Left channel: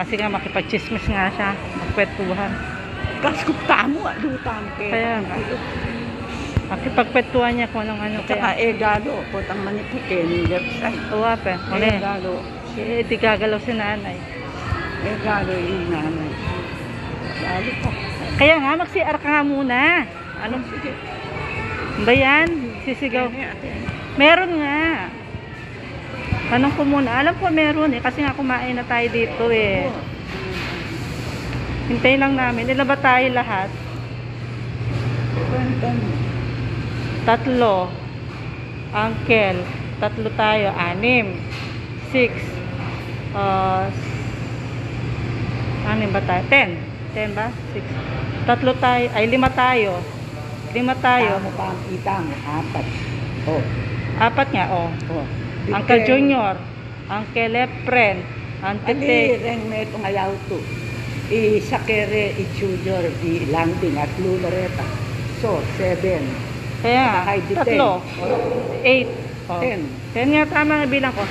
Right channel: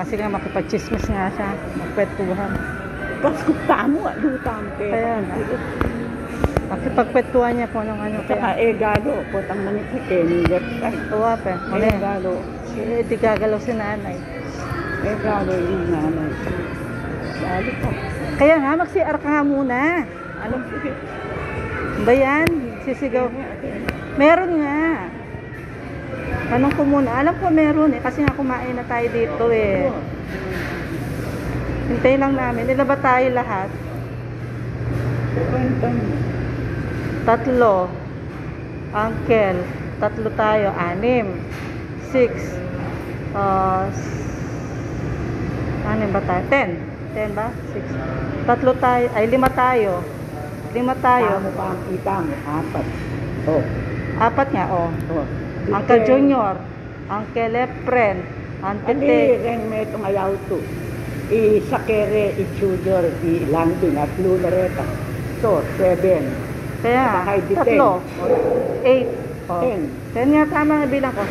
Kasi nga makipag-chismis nga siya. Magkwentuhan. Kaskuptamo, lutang Kaya kaya. makipagkwentuhan niya kung anong ano. At saka egalo, potang manipitin, website. Uwa pa. Egalo, Di gagalaw si nanay. egalo yung nanay. Lalo pa. Kaya nga, mag-CR ka nga muna. Ano? Sige. Ba yan? Sisigaw. Meron nga. Tanong ko muna. Alam ko meron eh. Kasi nga kumain na tayo dito eh. Hintay lang namin. Ilan ba tayo lahat? Tatlo. Uncle. Tatlo tayo. 6. 6. Ano ba tayo? 10. 10 ba? 6. Tatlo tayo. Ay, 5 tayo. 5 tayo. Paano pa ang kita mo? 4. Oh. 4 nga, oh. Oh. Uncle Junior. Uncle Efren. Uncle Ali, Tek. ren na itong ayaw to. I-sakere, i-chudor, i-landing at luloreta. So, 7. Kaya, Kahit di tatlo. 8. 10. 10 nga tama ang bilang ko.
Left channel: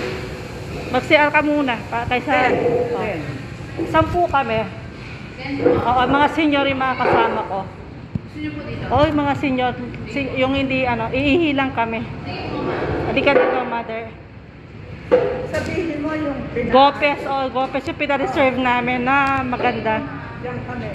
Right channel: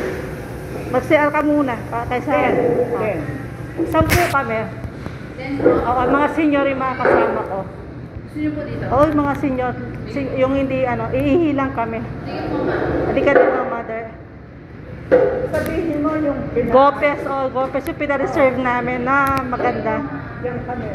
Mag-CR ka muna. Kaysa 10. 10 kami. Oo, mga senior yung mga kasama ko. Sino po dito? Oo, yung mga senior. Yung hindi, iihilang kami. Halika dito, mother. Sabihin mo yung Gopes, Gopes yung pina-reserve namin na maganda. Diyan kami.